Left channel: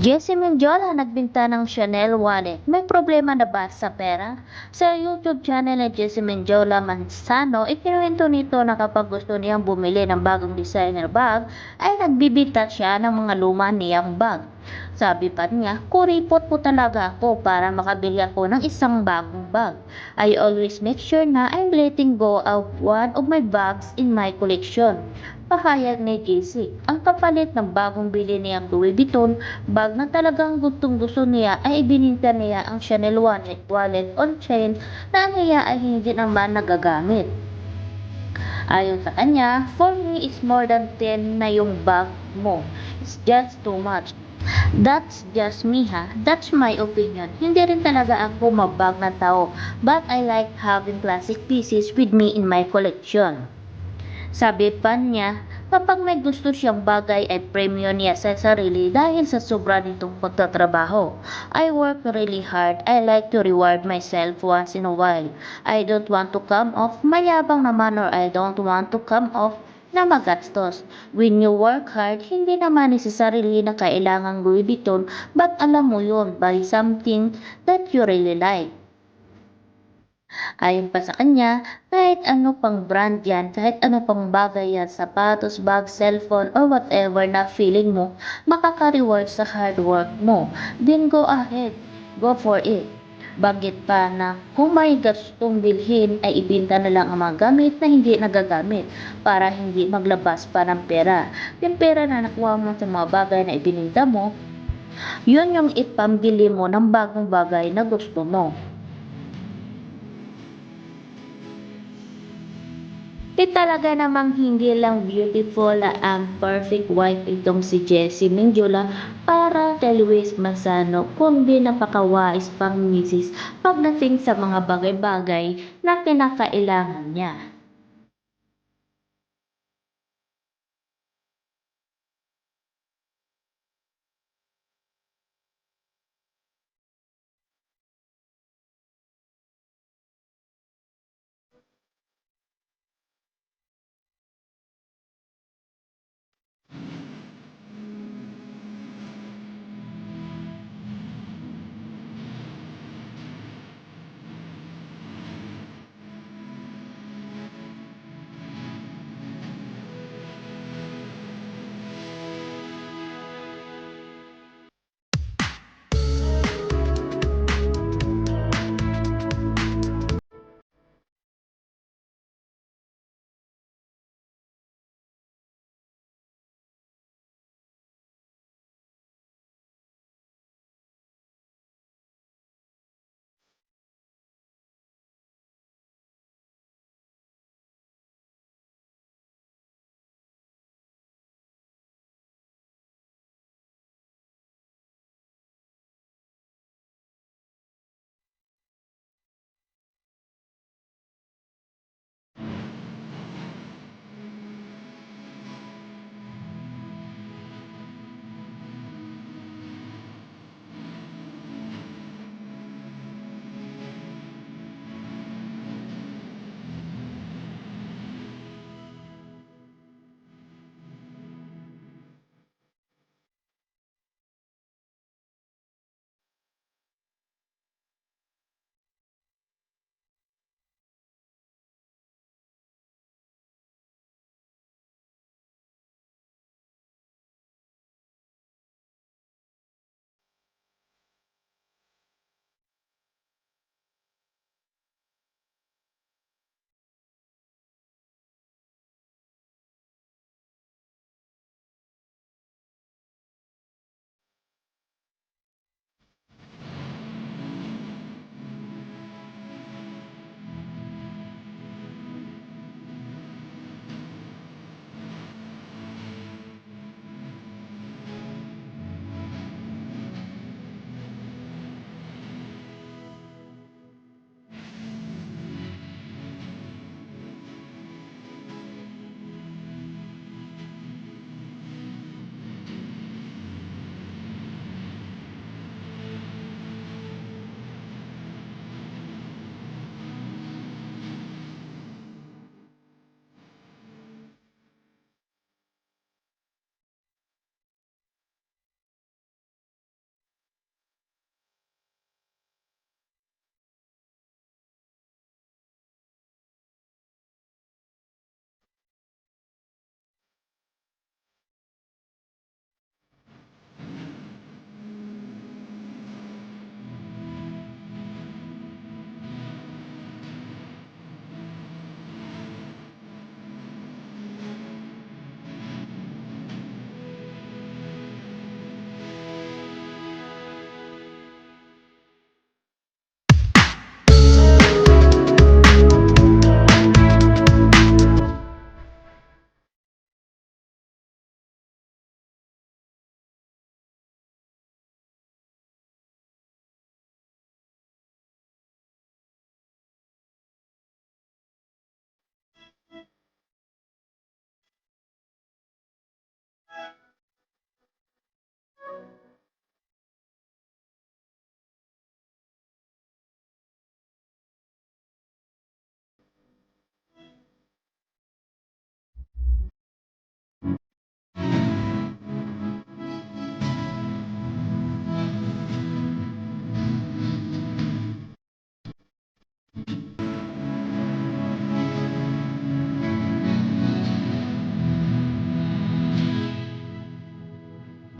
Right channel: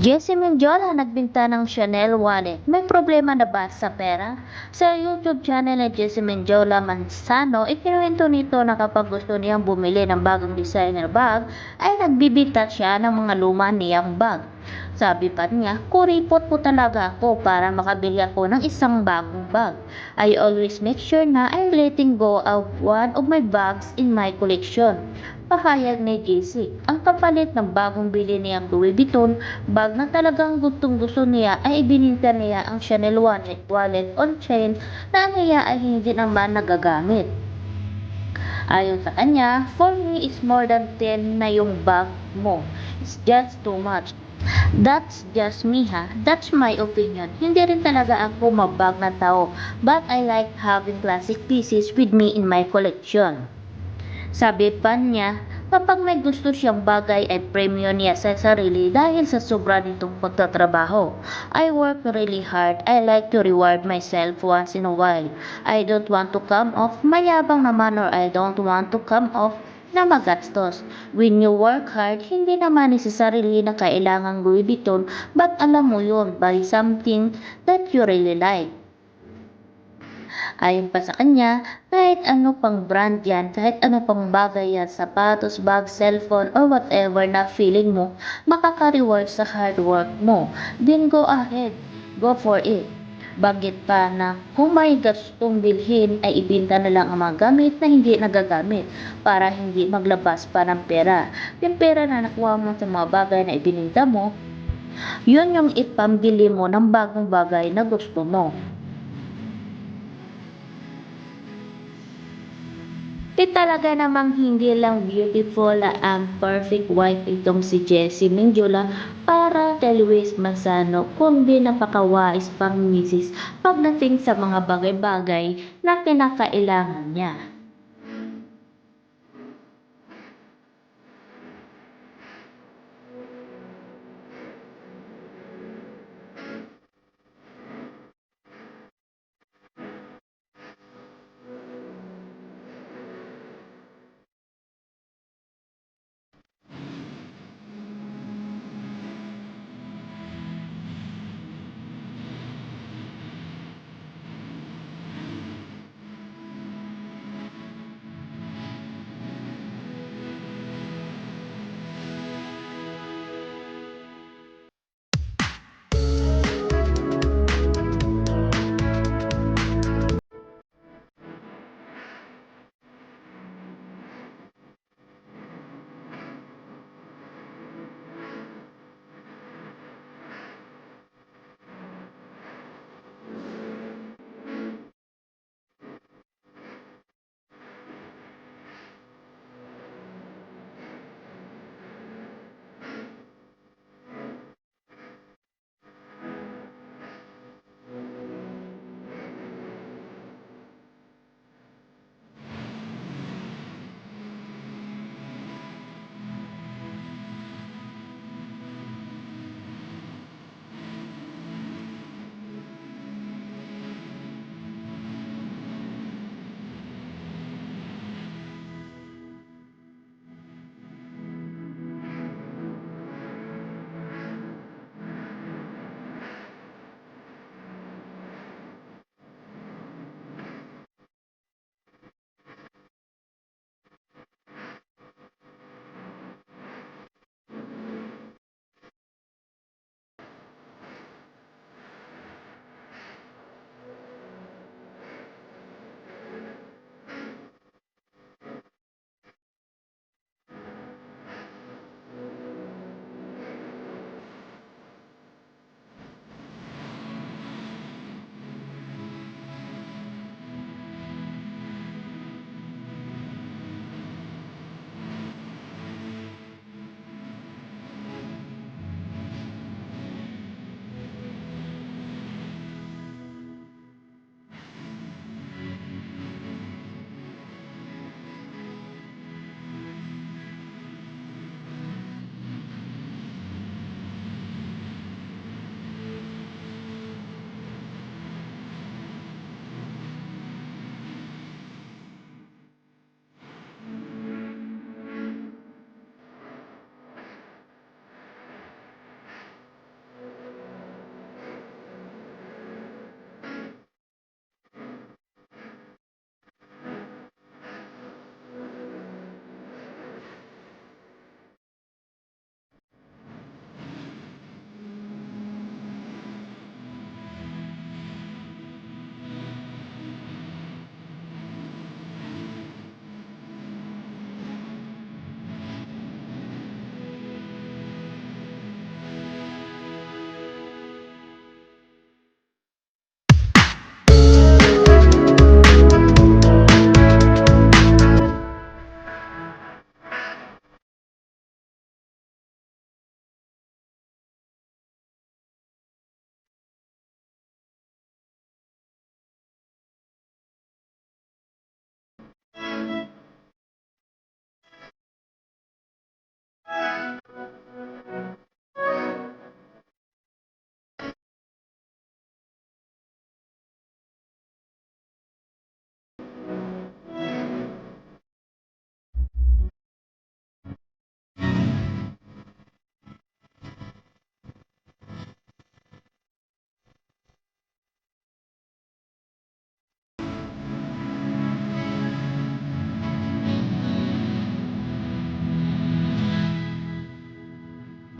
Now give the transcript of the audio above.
Jessie Mendiola nagbenta ng Chanel wallet. May problema na ba sa pera? Sa YouTube channel ni Jessie Mendiola Manzano, ikinuwento nito na kapag gusto niyang bumili ng bagong designer bag, ay nagbibita siya ng mga luma niyang bag. Sabi pa niya, kuripot po talaga ako para makabili ako ng isang bagong bag. I always make sure na I'm letting go of one of my bags in my collection. Pahayag ni JC, ang kapalit ng bagong bili niyang Louis Vuitton bag na talagang gustong-gusto niya ay ibininta niya ang Chanel wallet on chain na niya ay hindi naman nagagamit. Ayon sa kanya, for me is more than 10 na yung bag mo. It's just too much. That's just me ha. That's my opinion. Hindi rin talaga ako mabag na tao, but I like having classic pieces with me in my collection. Sabi pa niya, kapag may gusto siyang bagay ay premyo niya sa sarili dahil sa sobra nitong pagtatrabaho. I work really hard. I like to reward myself once in a while. I don't want to come off mayabang naman or I don't want to come off na magastos. When you work hard, hindi naman necessarily na kailangang Louis Vuitton, but alam mo yun, buy something that you really like. Ayon pa sa kanya, kahit ano pang brand yan, kahit ano pang bagay yan, sapatos, bag, cellphone, or whatever na feeling mo, makaka-reward sa hard work mo. Then go ahead, go for it. Bagit pa na kung may gustong bilhin ay ibenta na lang ang mga gamit na hindi nagagamit para hindi maglabas pa ng pera. Yung pera na nakuha mo sa mga bagay na ibininta mo, yun yung ipambili mo ng bagong bagay na gusto mo. Talaga namang hindi lang beautiful ang perfect wife itong si Jessie Mendiola para kay Luis Manzano, kundi napakawais pang misis pagdating sa mga bagay-bagay na kinakailangan niya.